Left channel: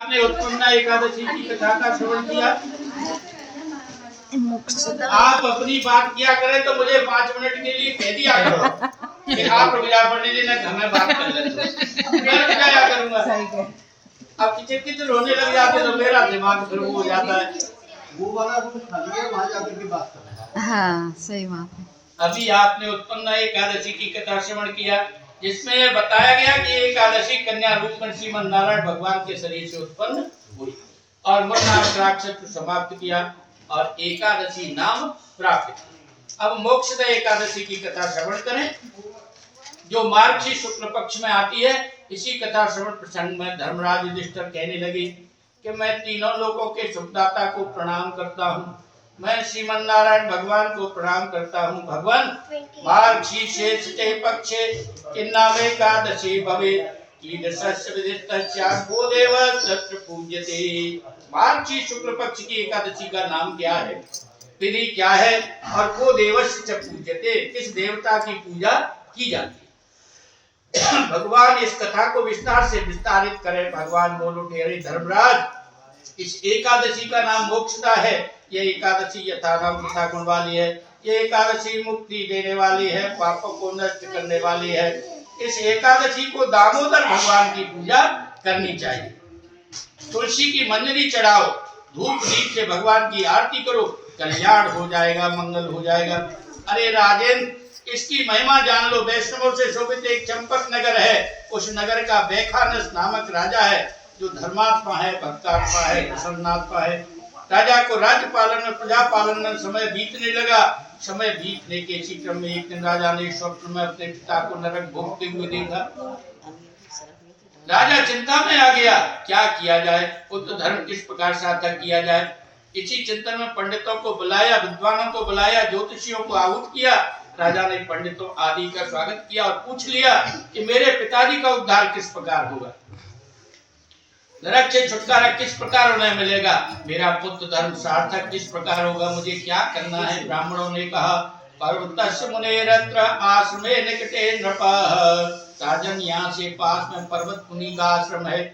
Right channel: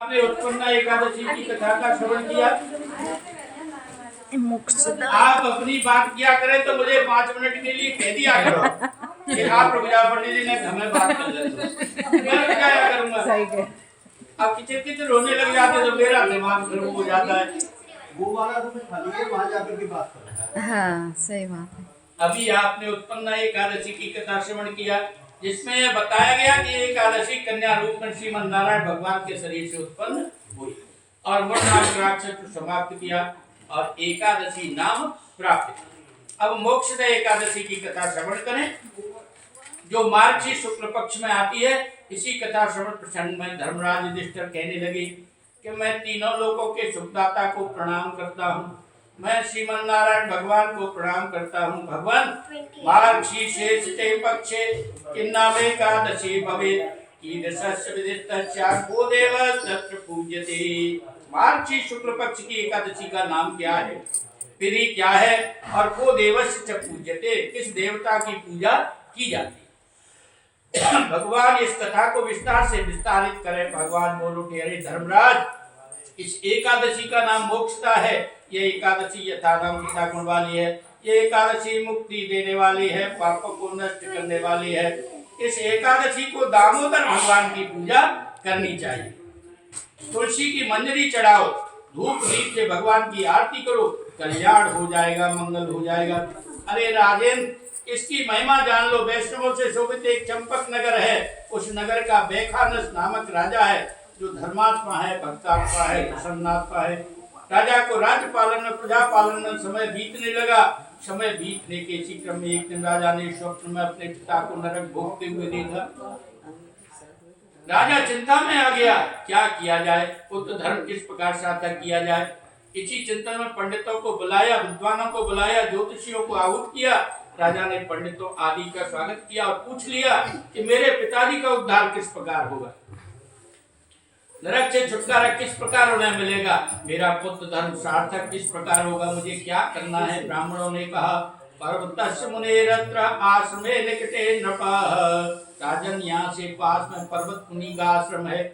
आपने उत्पन्ना एकादशी की कथा का श्रवण किया। आप अपनी बात किया करें तो मुझे 5 मिनट के लिए कह दिया करो कि आप रुपया पंडित जी ने घर में बात कर लेते, मैं रुक जाया करूंगा। अब किसी तो रोने लग जाते तो मेरा दिमाग फिर हो जाता है। वो वाला रूम खाली है, वहां जाकर के बात कर। हाँ सही बात है। अभी आपने उत्पन्ना एकादशी की कथा श्रवण किया, जिसमें बताया गया कि एकादशी कन्या रूप में श्रीमन नारायण भगवान के शरीर से उत्पन्न हुई और मरणाक्षर समाप्त किया और एकादशी नाम प्राप्त किया। अब मोक्षद एकादशी की कथा श्रवण करें, जो मार्गशीर्ष शुक्ल पक्ष में आती है। इसी कथा श्रवण प्रसंग में धर्मराज युधिष्ठिर कहने लगे कि मैं तीनों लोकों के सुखदाता को प्रणाम करता हूँ, मैं श्रीमन नारायण भगवान को प्रणाम करता हूँ। भगवान मार्गशीर्षे पक्षे किन्नामे एकादशी भवे कीदृशस्य विदितस्य को देव तत्र पूज्यते। मार्गशीर्ष शुक्ल पक्ष की एकादशी का नाम क्या है, विधि क्या है और को देवस्य पूज्यते, किस देवता की पूजा की जाती है। भगवान इस कथा को विस्तार से विस्तारित करें। भगवान बोल उठे, अरे धर्मराज, इस एकादशी का नाम मोक्षदा है। ये एकादशी यथा नाम तथा गुण वाली है। ये एकादशी मुक्ति देने वाली है, पापों को नष्ट करने वाली है। इस एकादशी को दामोदर भगवान की पूजा करनी चाहिए। तुलसी की मंजरी चढ़ाओ, धूप दीप से भगवान की आरती करो, कल्याण हो जाएगा, मंगल हो जाएगा। अरे राजेंद्र, इसकी महिमा जान लो। वैष्णवों से शोभित एक चंपक नगर है, उस नगर का बैखानस नामक राजा है, जो धर्मात्मा है, भक्तात्मा है, प्रसन्नात्मा है। राजा को राज्य पालन में, प्रजा पालन में समय बीतने लगा। समय बीतने के इसी क्रम में एक दिन राजा ने स्वप्न में अपने पिता को नरक भोगते हुए देखा। राजा चिंता में आ गया, क्या किया जाए, पुत्र धर्म किस प्रकार सार्थक किया जाए। इसी चिंतन में पंडितों को बुलाया, विद्वानों को बुलाया, ज्योतिषियों को आहूत किया। राजा ने पंडितों आदि का स्वागत किया और पूछ लिया कि मेरे पिताजी का उद्धार किस प्रकार होगा, नरक से छुटकारा किस प्रकार उन्हें मिलेगा, मेरा पुत्र धर्म सार्थक किस प्रकार होगा, मुझे क्या करना है। ब्राह्मणों ने कहा, पर्वतस्य मुनेरत्र आश्रमे निकटे नृपः। राजन, यहाँ से पास में पर्वत मुनि का आश्रम है,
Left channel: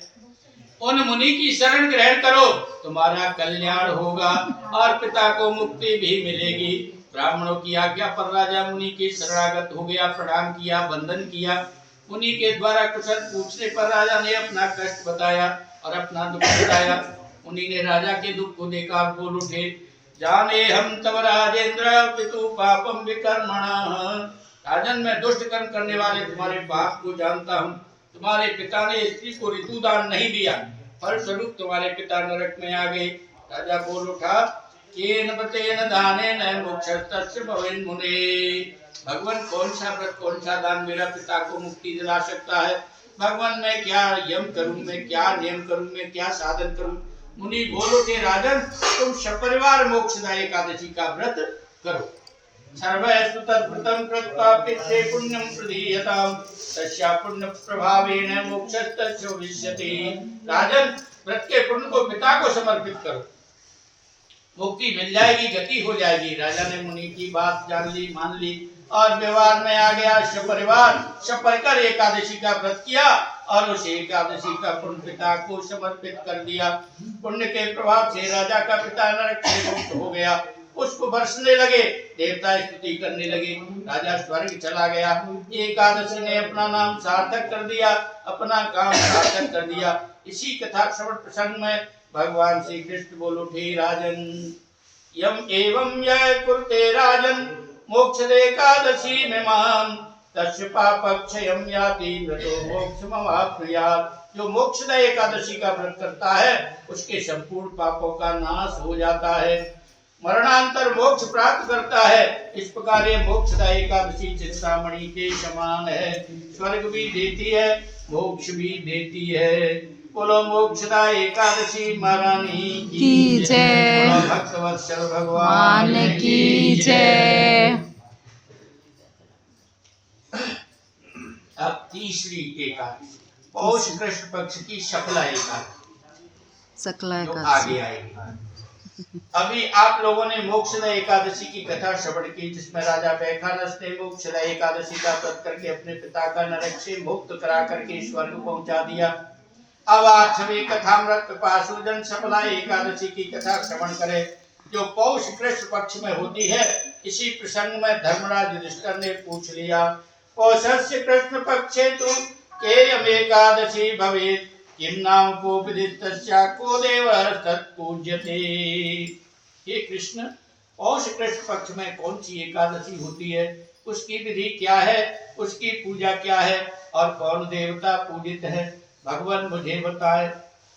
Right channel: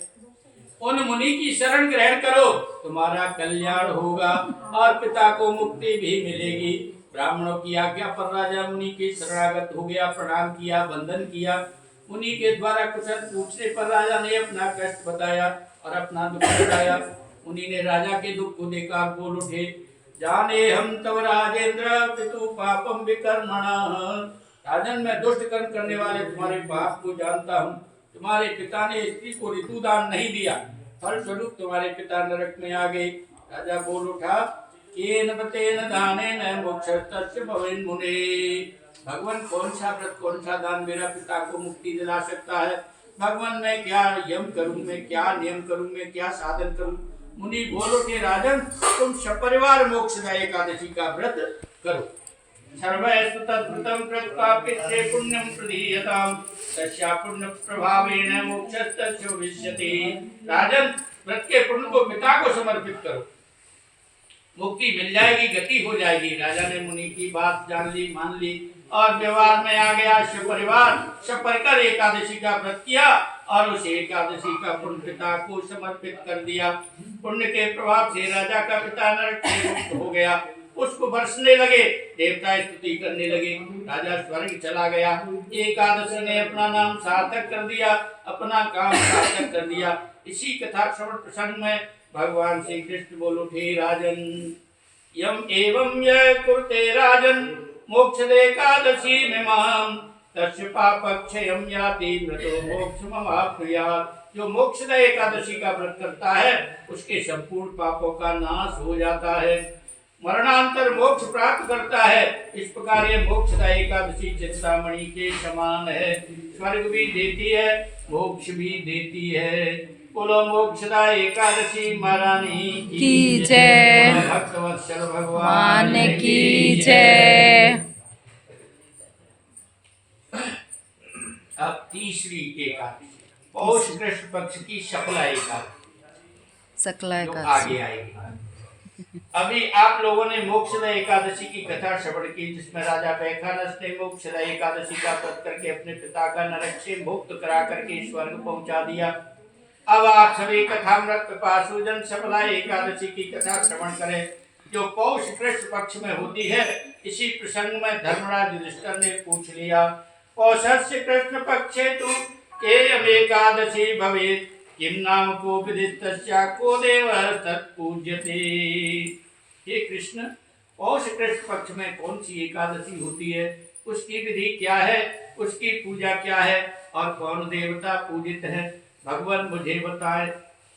उन मुनि की शरण ग्रहण करो, तुम्हारा कल्याण होगा और पिता को मुक्ति भी मिलेगी। ब्राह्मणों की आज्ञा पर राजा मुनि के शरणागत हो गया, प्रणाम किया, वंदन किया। मुनि के द्वारा कुशल पूछने पर राजा ने अपना कष्ट बताया और अपना दुख बताया। मुनि ने राजा के दुख को देखा, बोल उठे, जाने हम तव राजेंद्र पितु पापम विकर्मणः। राजन, मैं दुष्ट कर्म करने वाले तुम्हारे पाप को जानता हूँ। तुम्हारे पिता ने स्त्री को ऋतुदान नहीं दिया, फलस्वरूप तुम्हारे पिता नरक में आ गए। राजा बोल उठा, केन बतेन दानेन मोक्षस्तस्य भवेन् मुने। भगवान, कौन सा व्रत, कौन सा दान मेरा पिता को मुक्ति दिला सकता है। भगवान, मैं क्या यम करूं, मैं क्या नियम करूं, मैं क्या साधन करूं। मुनि बोल उठे, राजन, तुम सपरिवार मोक्षदा एकादशी का व्रत करो। सर्वैस्तु तद्व्रतं कृत्वा पित्रे पुण्यं प्रदीयताम् तस्या पुण्य प्रभावेन मोक्षस्तस्य भविष्यति। राजन, व्रत के पुण्य को पिता को समर्पित करो, मुक्ति मिल जाएगी, गति हो जाएगी। राजा ने मुनि की बात जान ली, मान ली और व्यवहार में आ गया। सपरिवार सपरिकर एकादशी का व्रत किया और उस एकादशी का पुण्य पिता को समर्पित कर दिया। पुण्य के प्रभाव से राजा का पिता नरक से मुक्त हो गया। पुष्प बरसने लगे, देवता स्तुति करने लगे, राजा स्वर्ग चला गया। एकादशी ने अपना नाम सार्थक कर दिया, अपना काम सार्थक कर दिया। इसी कथा श्रवण प्रसंग में भगवान श्री कृष्ण बोल उठे, राजन, यम एवं यह कुरुते राजन मोक्षदे एकादशी में माम तस्य पापक्षयं याति व्रतो मोक्षमवाप्नुयात्। जो मोक्षदा एकादशी का व्रत करता है, उसके संपूर्ण पापों का नाश हो जाता है, मरणांतर मोक्ष प्राप्त करता है। इस प्रकार ये मोक्षदा एकादशी चिंतामणि के समान है, स्वर्ग भी देती है, मोक्ष भी देती है। बोलो मोक्षदा एकादशी महारानी की जय, भक्तवत्सल भगवान की जय। अब तीसरी एकादशी, पौष कृष्ण पक्ष की शुक्ला एकादशी, सकला आगे आएगी। अभी आप लोगों ने मोक्षदा एकादशी की कथा श्रवण की, जिसमें राजा बैखानस ने मोक्षदा एकादशी का व्रत करके अपने पिता का नरक से मुक्त करा करके स्वर्ग पहुंचा दिया। अब आप सभी कथामृत पाशुजन सफला एकादशी की कथा श्रवण करें, जो पौष कृष्ण पक्ष में होती है। इसी प्रसंग में धर्मराज युधिष्ठिर ने पूछ लिया, पौषस्य कृष्ण पक्षे तु केयम एकादशी भवेत्, किम नाम को विदितस्या को देवः तत्पूज्यते। हे कृष्ण, पौष कृष्ण पक्ष में कौन सी एकादशी होती है, उसकी विधि क्या है, उसकी पूजा क्या है और कौन देवता पूजित है, भगवान मुझे बताए।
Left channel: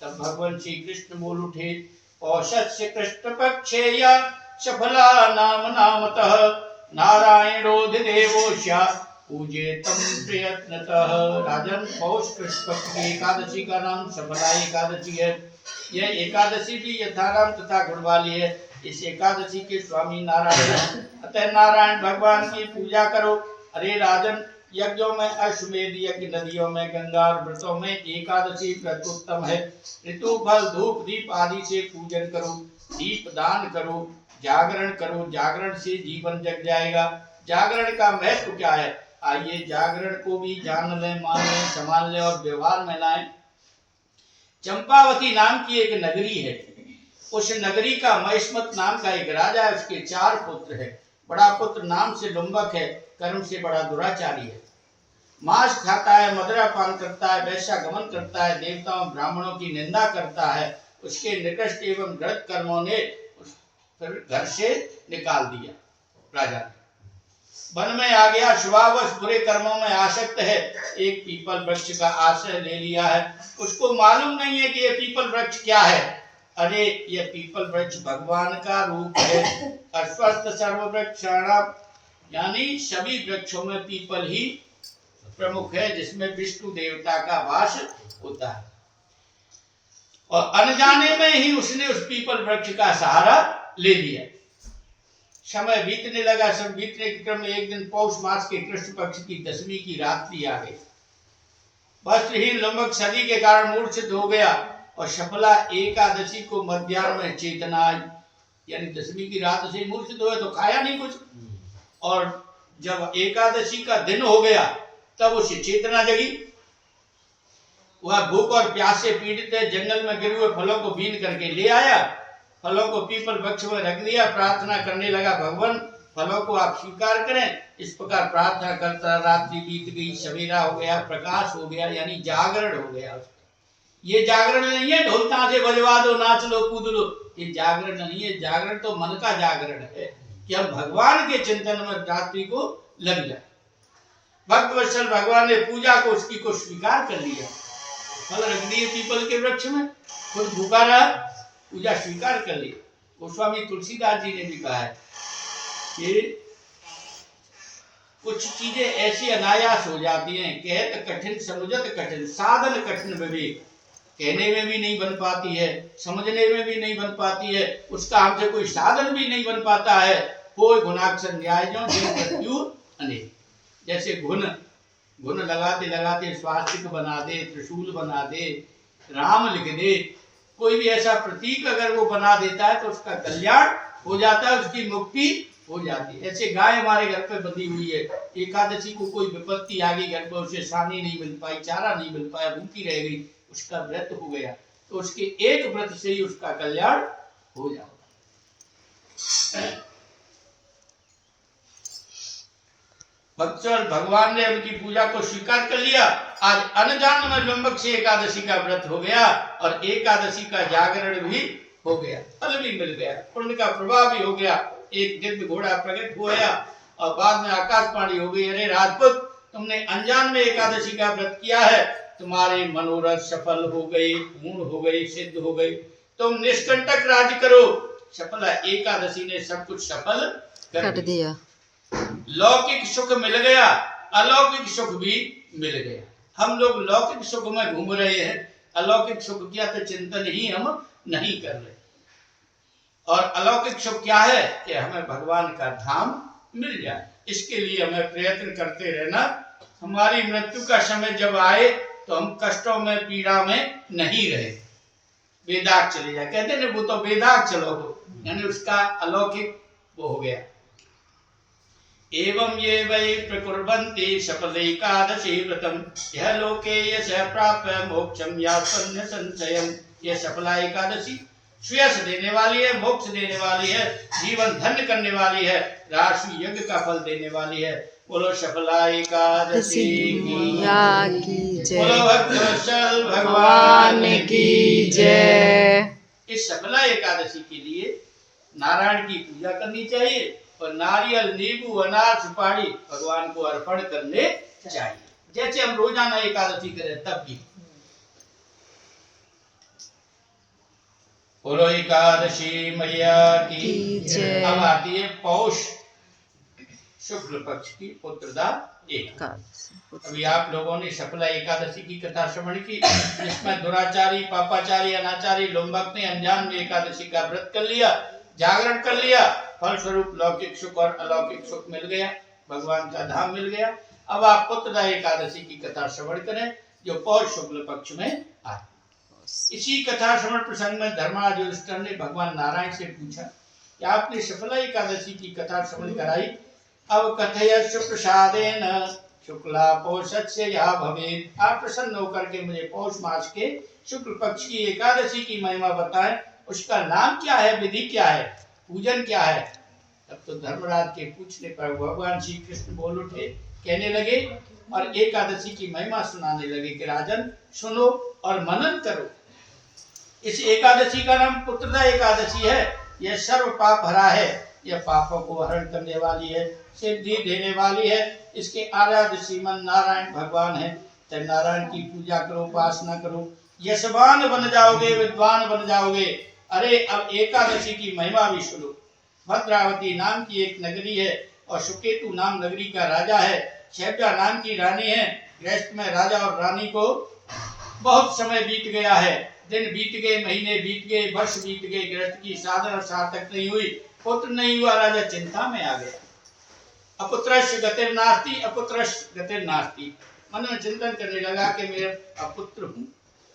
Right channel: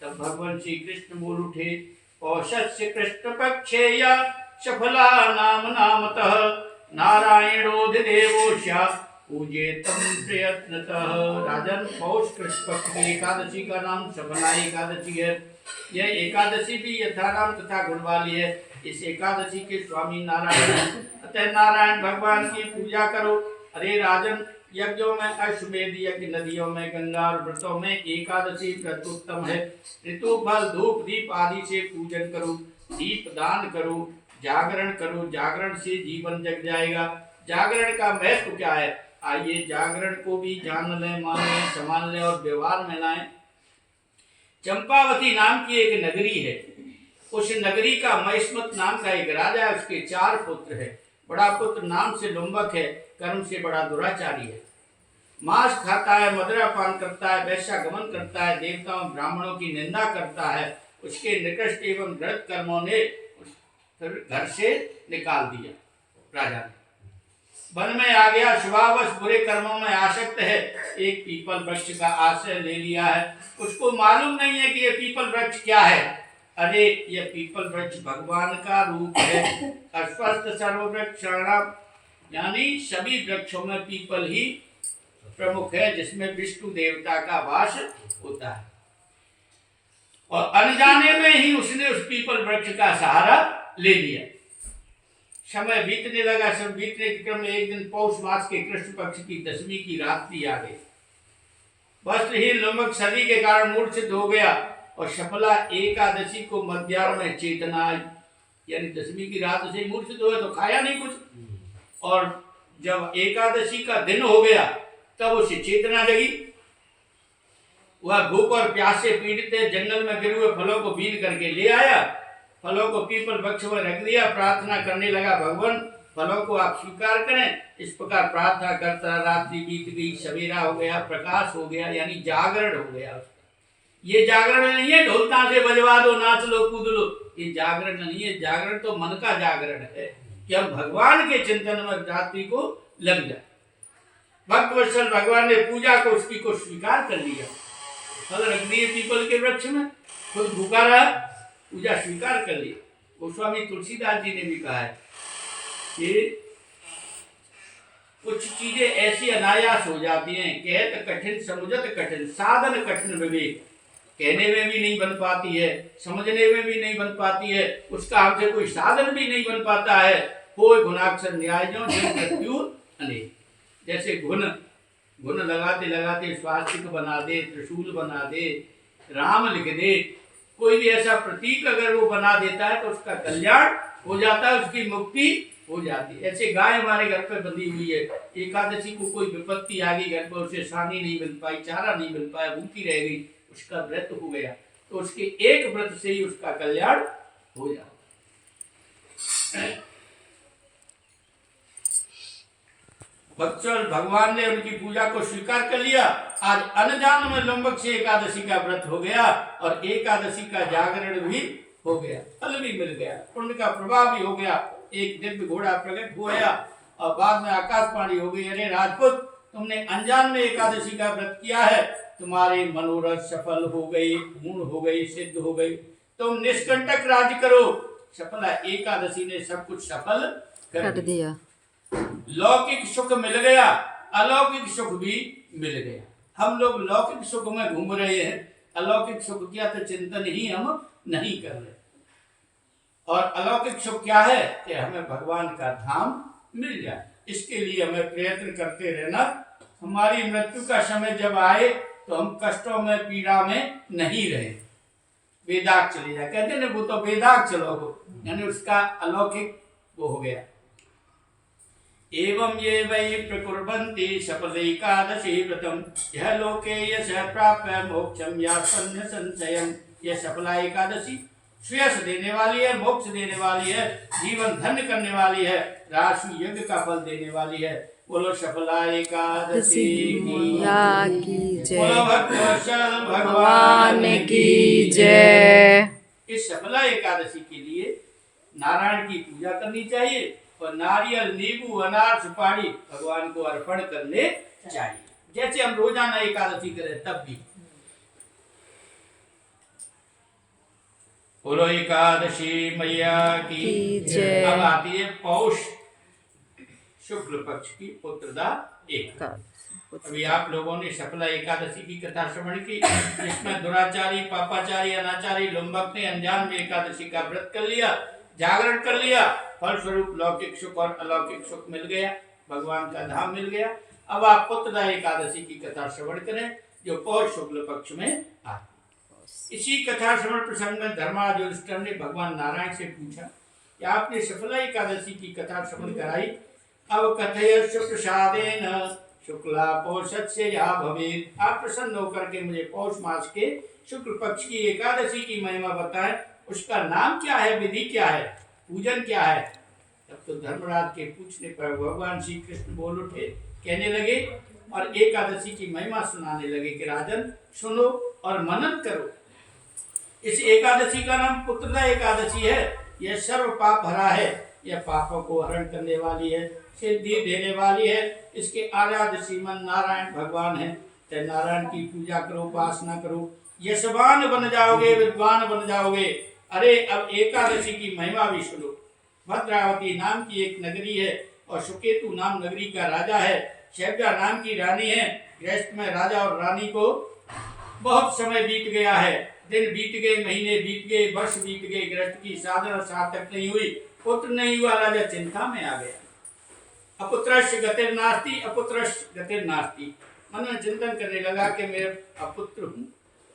तब भगवान श्री कृष्ण बोल उठे, पौषस्य कृष्ण पक्षे या सफला नाम नामतः, नारायणोधिदेवोष्या पूजेतम प्रयत्नतः। राजन, पौष कृष्ण पक्ष की एकादशी का नाम सफला एकादशी है। यह एकादशी भी यथाराम तथा गुण वाली है। इस एकादशी के स्वामी नारायण हैं, अतः नारायण भगवान की पूजा करो। अरे राजन, यज्ञों में अश्वमेध यज्ञ, नदियों में गंगा और व्रतों में एकादशी प्रत्युत्तम है। ऋतु फल धूप दीप आदि से पूजन करो, दीप दान करो, जागरण करो, जागरण से जीवन जग जाएगा। जागरण का महत्व क्या है, आइए जागरण को भी जान लें, मान लें, संभाल लें और व्यवहार में लाएं। चंपावती नाम की एक नगरी है। उस नगरी का महिष्मत नाम का एक राजा है, उसके 4 पुत्र है। बड़ा पुत्र नाम से लुम्बक है, कर्म से बड़ा दुराचारी है, मांस खाता है, मदिरा पान करता है, वैश्यागमन करता है, देवताओं ब्राह्मणों की निंदा करता है। उसके निकृष्ट एवं गलत कर्मों ने फिर घर से निकाल दिया। राजा वन में आ गया, शुभावश बुरे कर्मों में आसक्त है, एक पीपल वृक्ष का आश्रय ले लिया है। उसको मालूम नहीं है कि ये पीपल वृक्ष क्या है। अरे ये पीपल वृक्ष भगवान का रूप है। अश्वत्थ सर्व वृक्षाणाम, यानी सभी वृक्षों में पीपल ही प्रमुख है, जिसमें विष्णु देवता का वास होता है। और अनजाने में ही उसने उस पीपल वृक्ष का सहारा ले लिया। समय बीतने लगा। सब बीतने के क्रम में एक दिन पौष मास के कृष्ण पक्ष की 10वीं की रात्रि आ गई। वस्त्रहीन लुम्बक सदी के कारण मूर्छित हो गया और सफला एकादशी को मध्याह्न में चेतना आई, यानी 10वीं की रात से मूर्छित हुए तो खाया नहीं कुछ। और जब एकादशी का दिन हो गया तब उसे चेतना जगी। वह भूख और प्यास से पीड़ित है, जंगल में गिरे हुए फलों को बीन करके ले आया, फलों को पीपल वृक्ष में रख दिया, प्रार्थना करने लगा, भगवान फलों को आप स्वीकार करें। इस प्रकार प्रार्थना करता रात्रि बीत गई, सवेरा हो गया, प्रकाश हो गया, यानी जागरण हो गया। ये जागरण नहीं है ढोल ताशे बजवा दो, नाच लो, कूद लो, ये जागरण नहीं है। जागरण तो मन का जागरण है कि हम भगवान के चिंतन में रात्रि को लग जाए। भक्त वत्सल भगवान ने पूजा को उसकी को स्वीकार कर लिया, फल रख दिए पीपल के वृक्ष में, खुद भूखा रहा, पूजा स्वीकार कर ली। गोस्वामी तुलसीदास जी ने भी कहा है कि कुछ चीजें ऐसी अनायास हो जाती हैं, कहत कठिन समझत कठिन, साधन कठिन विवेक, कहने में भी नहीं बन पाती है, समझने में भी नहीं बन पाती है, उसका हमसे कोई साधन भी नहीं बन पाता है। कोई गुणाक्षर न्याय जो मृत्यु अनेक, जैसे घुन लगाते लगाते स्वास्तिक बना दे, त्रिशूल बना दे, राम लिख दे, कोई भी ऐसा प्रतीक अगर वो बना देता है तो उसका कल्याण हो जाता है, उसकी मुक्ति हो जाती है। ऐसे गाय हमारे घर पे बंधी हुई है, एकादशी को कोई विपत्ति आ गई घर पर, उसे सानी नहीं मिल पाई, चारा नहीं मिल पाया, भूखी रह गई, उसका व्रत हो गया तो उसके एक व्रत से ही उसका कल्याण हो जाता। भक्तों, भगवान ने उनकी पूजा को स्वीकार कर लिया। आज अनजान में लुम्बक से एकादशी का व्रत हो गया और एकादशी का जागरण भी हो गया, फल भी मिल गया, पुण्य का प्रभाव भी हो गया। एक दिव्य घोड़ा प्रकट हो गया और बाद में आकाशवाणी हो गई, अरे राजपूत, तुमने अनजान में एकादशी का व्रत किया है, तुम्हारे मनोरथ सफल हो गए, पूर्ण हो गए, सिद्ध हो गए, तुम निष्कंटक राज्य करो। सफला एकादशी ने सब कुछ सफल कर दिया। लौकिक सुख मिल गया, अलौकिक सुख भी मिल गया। हम लोग लौकिक सुख में घूम रहे हैं, अलौकिक सुख किया तो चिंतन ही हम नहीं कर रहे। और अलौकिक सुख क्या है कि हमें भगवान का धाम मिल जाए, इसके लिए हमें प्रयत्न करते रहना। हमारी मृत्यु का समय जब आए तो हम कष्टों में, पीड़ा में नहीं रहे, बेदाग चले जाए। कहते ना वो तो बेदाग चलो, यानी उसका अलौकिक वो हो गया। एवं ये वै प्रकुर्वन्ति सफलैकादशी व्रतम् यह लोके यस्य प्राप्य मोक्षं यात्सन्य संशयम्। यह सफला एकादशी श्रेयस देने वाली है, मोक्ष देने वाली है, जीवन धन्य करने वाली है, राशि यज्ञ का फल देने वाली है। बोलो सफला एकादशी की जय। बोलो भक्तवत्सल भगवान की जय। इस सफला एकादशी के लिए नारायण की पूजा करनी चाहिए और नारियल, नींबू, अनार, सुपारी भगवान को अर्पण करने चाहिए, जैसे हम रोजाना एकादशी करें तब भी। बोलो एकादशी मैया की जय। अब आती है पौष शुक्ल पक्ष की पुत्रदा एकादशी। अभी आप लोगों ने सफला एकादशी की कथा श्रवण की, जिसमें दुराचारी, पापाचारी, अनाचारी, लुम्बक ने अनजान में एकादशी का व्रत कर लिया, जागरण कर लिया, फलस्वरूप लौकिक सुख और अलौकिक सुख मिल गया, भगवान का धाम मिल गया। अब आप पुत्रदा एकादशी की कथा श्रवण करें जो पौष शुक्ल पक्ष में आती। इसी कथा श्रवण प्रसंग में धर्मराज युधिष्ठिर ने भगवान नारायण से पूछा कि आपने सफला एकादशी की कथा श्रवण कराई, अब कथयस्व प्रसादेन शुक्ला पौषस्य या भवेत्। आप प्रसन्न होकर के मुझे पौष मास के शुक्ल पक्ष की एकादशी की महिमा बताएं, उसका नाम क्या है, विधि क्या है, पूजन क्या है। तब तो धर्मराज के पूछने पर भगवान श्री कृष्ण बोल उठे, कहने लगे और एकादशी की महिमा सुनाने लगे कि राजन सुनो और मनन करो। इस एकादशी का नाम पुत्रदा एकादशी है। यह सर्व पाप हरा है, यह पापों को हरण करने वाली है, सिद्धि देने वाली है। इसके आराध्य श्रीमन नारायण भगवान है। तो नारायण की पूजा करो, उपासना करो, यशवान बन जाओगे, विद्वान बन जाओगे। अरे अब एकादशी की महिमा भी सुनो। भद्रावती नाम की एक नगरी है और सुकेतु नाम नगरी का राजा है, शैब्जा नाम की रानी है। गृहस्थ में राजा और रानी को बहुत समय बीत गया है, दिन बीत गए, महीने बीत गए, वर्ष बीत गए, गृहस्थ की साधना सार्थक नहीं हुई, पुत्र नहीं हुआ। राजा चिंता में आ गया। अपुत्रस्य गतिर्नास्ति, अपुत्रस्य गतिर्नास्ति। मन में चिंतन करने लगा कि मेरे अपुत्र हूँ,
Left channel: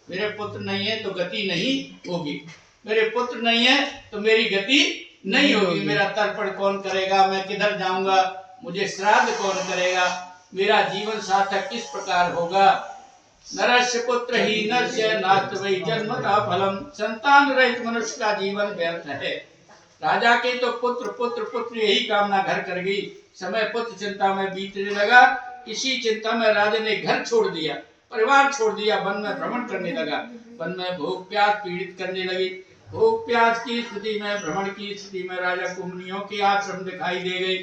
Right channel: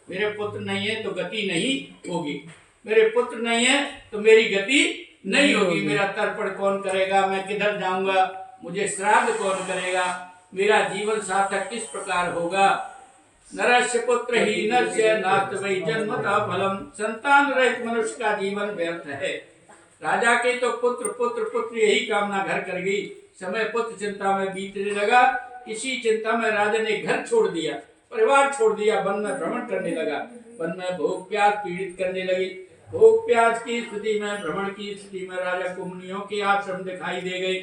मेरे पुत्र नहीं है तो गति नहीं होगी, मेरे पुत्र नहीं है तो मेरी गति नहीं होगी। मेरा तर्पण कौन करेगा, मैं किधर जाऊंगा, मुझे श्राद्ध कौन करेगा, मेरा जीवन सार्थक किस प्रकार होगा। नरस्य पुत्र ही नरस्य नास्त वै जन्मता फलम। संतान रहित मनुष्य का जीवन व्यर्थ है। राजा के तो पुत्र पुत्र पुत्र यही कामना घर कर गई। समय पुत्र चिंता में बीतने लगा। इसी चिंता में राजा ने घर छोड़ दिया, परिवार छोड़ दिया, वन में भ्रमण करने लगा। वन में भूख प्यास पीड़ित करने लगी। भूख प्यास की स्थिति में, भ्रमण की स्थिति में राजा को मुनियों के आश्रम दिखाई दे गए।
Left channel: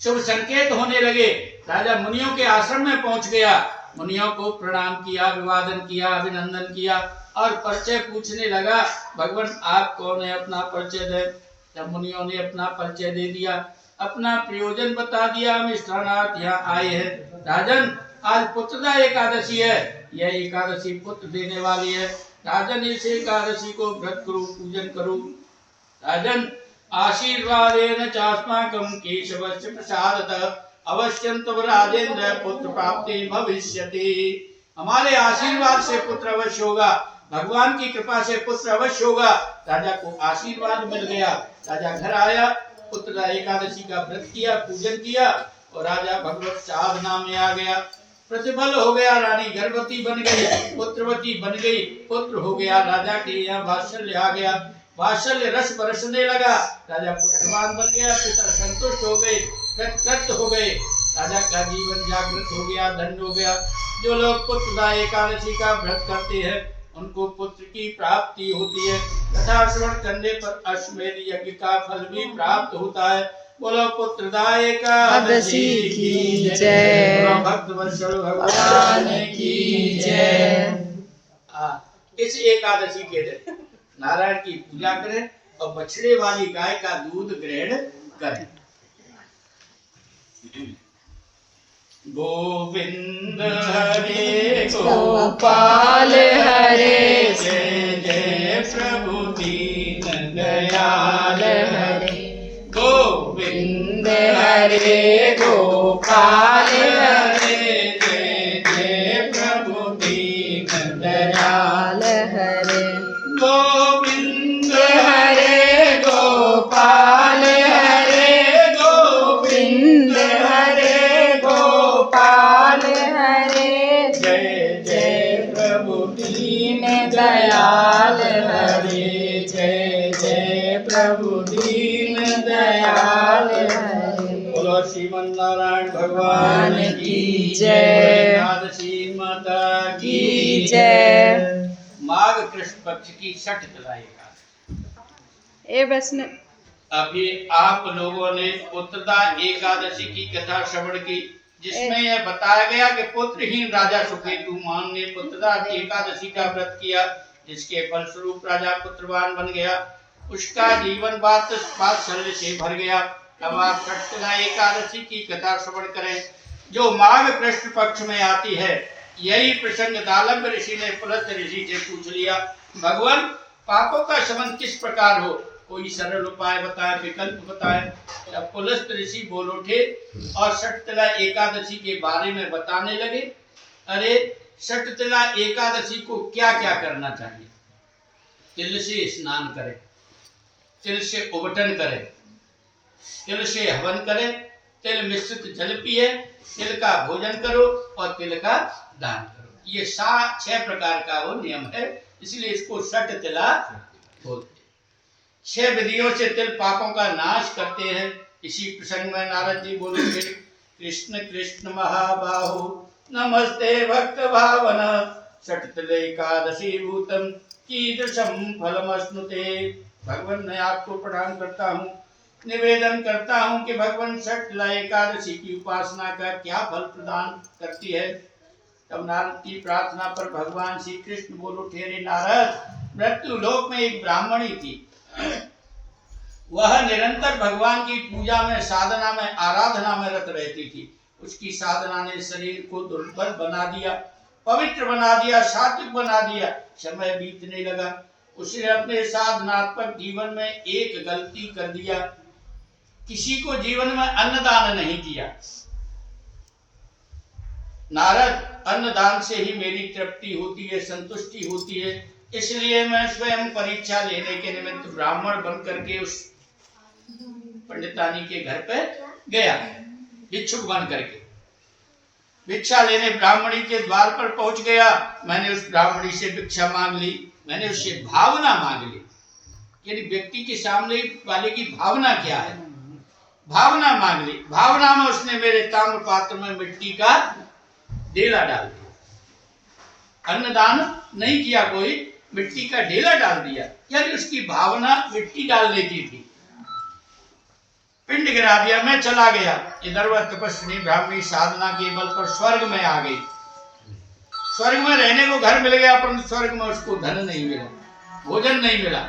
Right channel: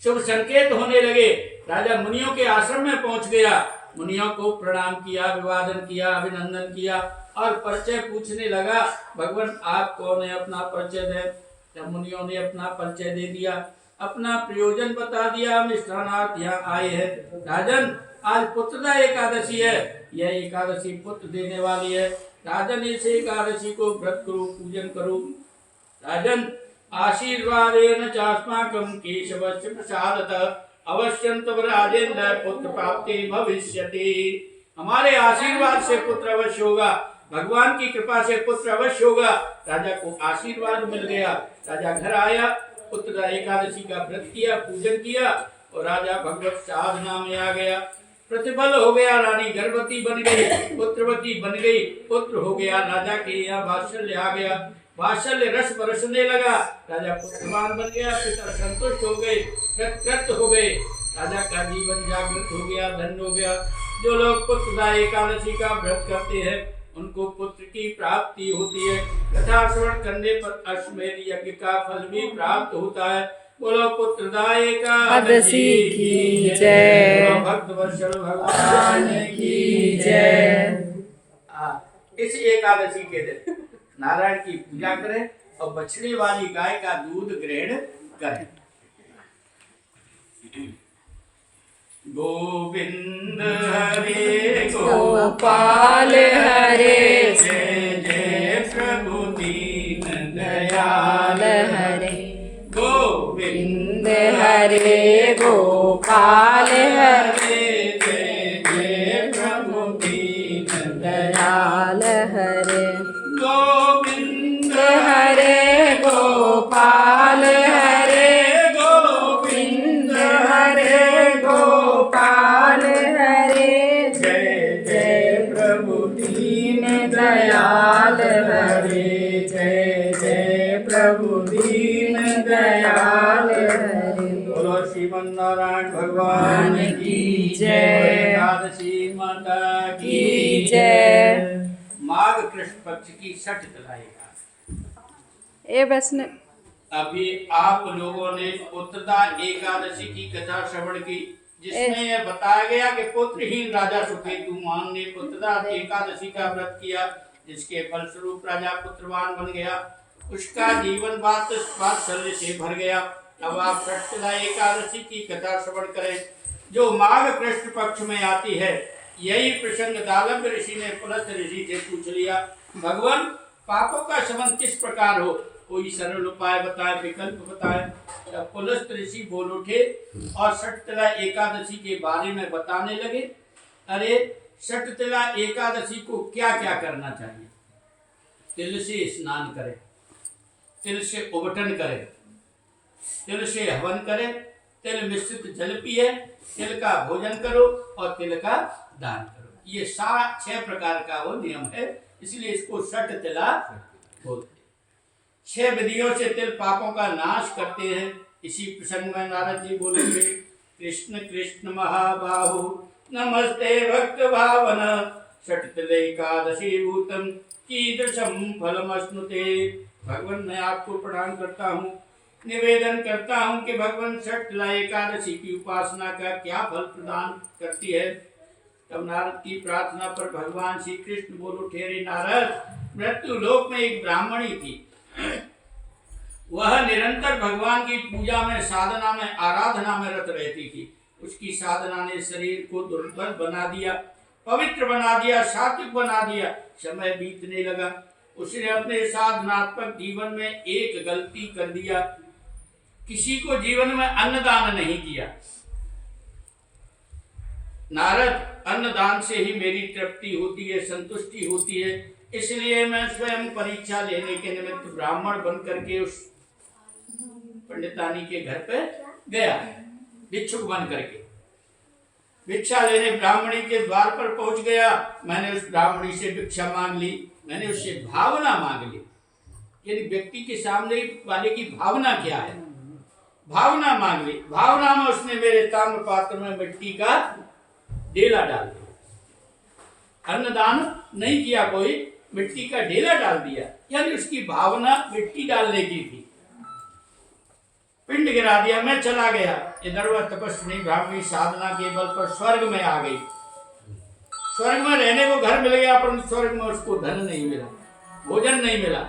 शुभ संकेत होने लगे। राजा मुनियों के आश्रम में पहुंच गया, मुनियों को प्रणाम किया, अभिवादन किया, अभिनंदन किया और परिचय पूछने लगा। भगवान आप कौन है, अपना परिचय दे। तब मुनियों ने अपना परिचय दे दिया, अपना प्रयोजन बता दिया। हम इस स्थानार्थ यहाँ आए हैं। राजन आज पुत्रदा एकादशी है, यह एकादशी पुत्र देने वाली है। राजन इस एकादशी को व्रत करो, पूजन करो। राजन आशीर्वादेन चास्माकं केशवस्य प्रसादतः अवश्यं तव राजेन्द्र पुत्र प्राप्ति भविष्यति। हमारे आशीर्वाद से पुत्र अवश्य होगा, भगवान की कृपा से पुत्र अवश्य होगा। राजा को आशीर्वाद मिल गया। राजा घर आया, पुत्रदा एकादशी का व्रत किया, पूजन किया और राजा भगवत साधना में आ गया। प्रतिफल हो गया, रानी गर्भवती बन गई, पुत्रवती बन गई, पुत्र हो गया। राजा के यहाँ वात्सल्य आ गया, वात्सल्य रस बरसने लगा। राजा पुत्रवान बन गया, पिता संतुष्ट हो गए, कृतकृत हो गए। राजा का जीवन जागृत हो गया, धन्य हो गया। जो लोग पुत्रदा एकादशी का व्रत करते हैं उनको पुत्र की प्राप्ति होती है। कथा श्रवण करने पर अश्वमेध यज्ञ का फल भी प्राप्त होता है। बोलो पुत्रदा एकादशी की जय। भक्तवत्सल भगवान की जय। इस एकादशी के दिन नारायण की पूजा करें और बछड़े वाली गाय का दूध ग्रहण करें। गोविंद हरे गोपाल हरे, जय जय प्रभु दीन दयाल हरे गोविंद हरे गोपाल हरे, जय जय प्रभु दीन दयाल हरे गोविंद हरे गोपाल हरे गोविंद हरे जय जय प्रभु दीन दयाल हरे बोलो श्रीमन नारायण भगवान की जय। एकादशी माता की जय। माघ कृष्ण पक्ष की छठ तला एकादशी। ए बस ने अभी आप लोगों ने पुत्रदा एकादशी की कथा श्रवण की, जिसमें यह बताया गया कि पुत्रहीन राजा सुकेतुमान ने पुत्रदा एकादशी का व्रत किया, जिसके फलस्वरूप राजा पुत्रवान बन गया। उसका जीवन वात्सल्य से भर गया। अब आप छठ तला एकादशी की कथा श्रवण करें, जो माघ कृष्ण पक्ष में आती है। यही प्रसंग दालम्ब ऋषि ने पुलस्त ऋषि से पूछ लिया, भगवान पापों का शमन किस प्रकार हो, कोई सरल उपाय बताए, विकल्प बताए। जब पुलस्त ऋषि बोल उठे और छठ तला एकादशी के बारे में बताने लगे। अरे छठ तला एकादशी को क्या क्या करना चाहिए? तिल से स्नान करें, तिल से उबटन करें, तिल से हवन करें, तिल मिश्रित जल पिए, तिल का भोजन करो और तिल का दान करो। ये 6 प्रकार का वो नियम है, इसलिए इसको छठ तिला बोलते हैं। 6 विधियों से तिल पापों का नाश करते हैं। इसी प्रसंग में नारद जी बोलेंगे, कृष्ण कृष्ण महाबाहु नमस्ते भक्त भावन छठ तिल एकादशी भूतम कीदृशम फलमश्नुते। भगवान मैं आपको प्रणाम करता हूँ, निवेदन करता हूँ कि भगवान छठ तिला एकादशी की उपासना का क्या फल प्रदान करती है। तब नारद की प्रार्थना पर भगवान श्री कृष्ण बोल उठे, अरे नारद, मृत्यु लोक में एक ब्राह्मणी थी। वह निरंतर भगवान की पूजा में, साधना में, आराधना में रत रहती थी। उसकी साधना ने शरीर को दुर्बल बना दिया, पवित्र बना दिया, सात्विक बना दिया। समय बीतने लगा, उसने अपने साधनात्मक जीवन में एक गलती कर दिया, किसी को जीवन में अन्नदान नहीं किया। नारद, अन्नदान से ही मेरी तृप्ति होती है, संतुष्टि होती है, इसलिए मैं स्वयं परीक्षा लेने के निमित्त ब्राह्मण बन करके उस पंडितानी के घर पे गया, भिक्षुक बन करके भिक्षा लेने ब्राह्मणी के द्वार पर पहुंच गया। मैंने उस ब्राह्मणी से भिक्षा मांग ली, मैंने उससे भावना मांग ली, यानी व्यक्ति के सामने वाले की भावना क्या है, भावना मांग ली। भावना में उसने मेरे ताम्र पात्र में मिट्टी का ढेला डाल दिया। अन्नदान नहीं किया, कोई मिट्टी का ढेला डाल दिया, यानी उसकी भावना मिट्टी डालने की थी। पिंड गिरा दिया, मैं चला गया। इधर वह तपस्विनी ब्राह्मणी साधना के बल पर स्वर्ग में आ गई। स्वर्ग में रहने को घर मिल गया, परंतु स्वर्ग में उसको धन नहीं मिला, भोजन नहीं मिला।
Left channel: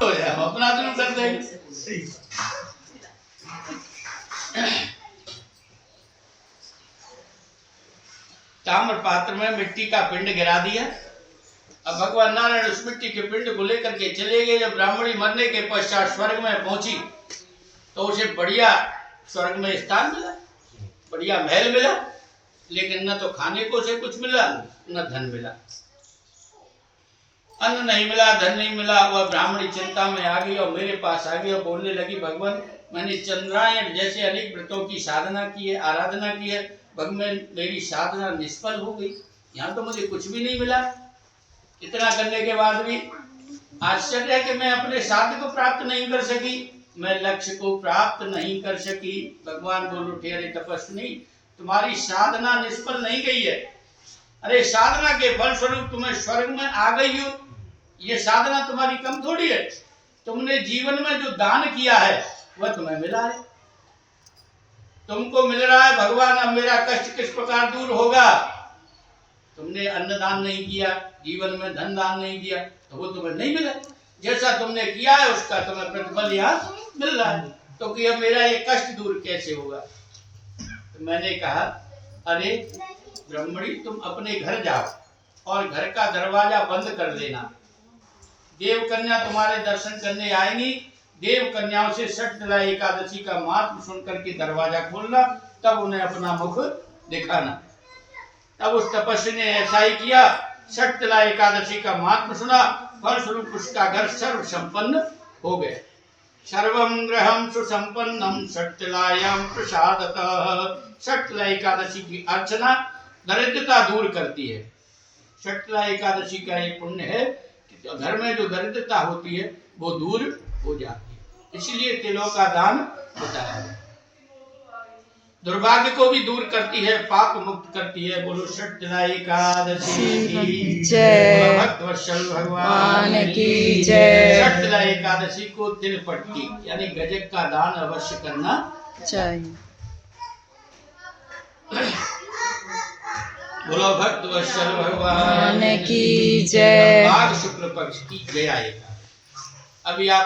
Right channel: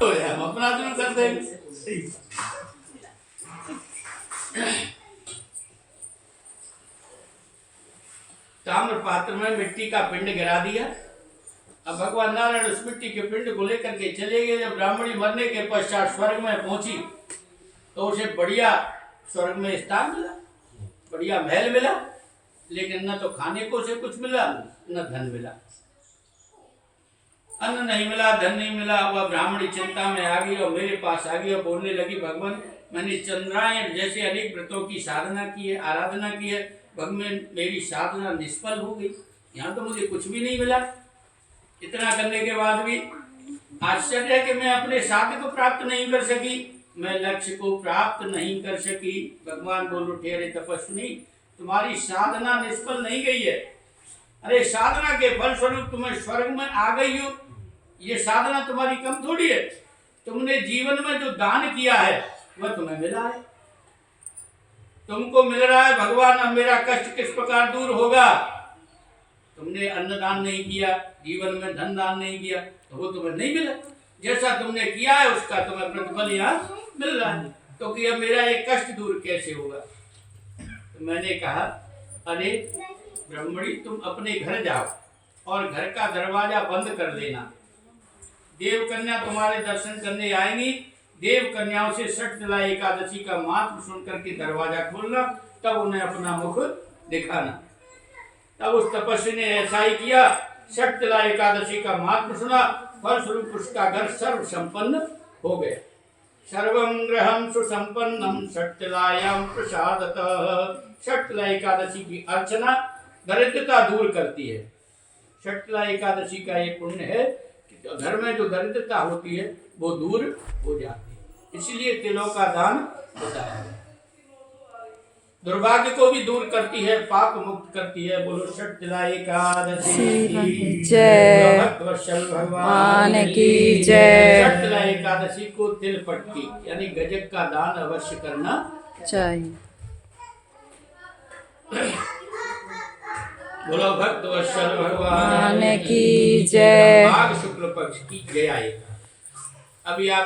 तो हम अपना दिन कर देंगे। ताम्र पात्र में मिट्टी का पिंड गिरा दिया। अब भगवान नारायण उस मिट्टी के पिंड को लेकर के चले गए। जब ब्राह्मणी मरने के पश्चात स्वर्ग में पहुंची तो उसे बढ़िया स्वर्ग में स्थान मिला, बढ़िया महल मिला, लेकिन न तो खाने को उसे कुछ मिला, न धन मिला। अन्न नहीं मिला, धन नहीं मिला। वह ब्राह्मणी चिंता में आ गई और मेरे पास आ गई और बोलने लगी, भगवान मैंने चंद्रायण जैसे अनेक व्रतों की साधना की है, आराधना की है, भगवान मेरी साधना निष्फल हो गई, यहाँ तो मुझे कुछ भी नहीं मिला। इतना करने के बाद भी आश्चर्य है कि मैं अपने साध्य को प्राप्त नहीं कर सकी, मैं लक्ष्य को प्राप्त नहीं कर सकी। भगवान बोल उठे, अरे तपस्विनी, तुम्हारी साधना निष्फल नहीं गई है। अरे साधना के फल स्वरूप तुम्हें स्वर्ग में आ गई हो, ये साधना तुम्हारी कम थोड़ी है। तुमने जीवन में जो दान किया है वह तुम्हें मिला है, तुमको मिल रहा है। भगवान अब मेरा कष्ट किस प्रकार दूर होगा? तुमने अन्नदान नहीं किया, जीवन में धन दान नहीं किया, तो वो तुम्हें नहीं मिला। जैसा तुमने किया है उसका तुम्हें प्रतिफल यहाँ मिल रहा है, तो कि अब मेरा ये कष्ट दूर कैसे होगा? तो मैंने कहा, अरे ब्राह्मणी, तुम अपने घर जाओ और घर का दरवाजा बंद कर देना। देव कन्या तुम्हारे दर्शन करने आएंगी, देव कन्याओं से छठ तिला एकादशी का महत्व सुन करके दरवाजा खोलना, तब उन्हें अपना मुख दिखाना। तब उस तपस्वी ने ऐसा ही किया, छठ तिला एकादशी का महत्व सुना, फलस्वरूप उसका घर सर्व संपन्न हो गया। सर्वं गृहं सुसंपन्नं छठ तिलायां प्रसादतः। छठ तिला एकादशी की अर्चना दरिद्रता दूर करती है। षटला एकादशी का ये पुण्य है कि घर में जो दरिद्रता होती है वो दूर हो जाती है, इसलिए तिलों का दान बताया है। दुर्भाग्य को भी दूर करती है, पाप मुक्त करती है। बोलो षटला एकादशी की जय। भक्तवत्सल भगवान भगवान की जय। षटला एकादशी को तिल पट्टी यानी गजक का दान अवश्य करना चाहिए। बोलो भक्तवत्सल भगवान भगवान की जय। माघ शुक्ल पक्ष की जय आएगा। अभी आप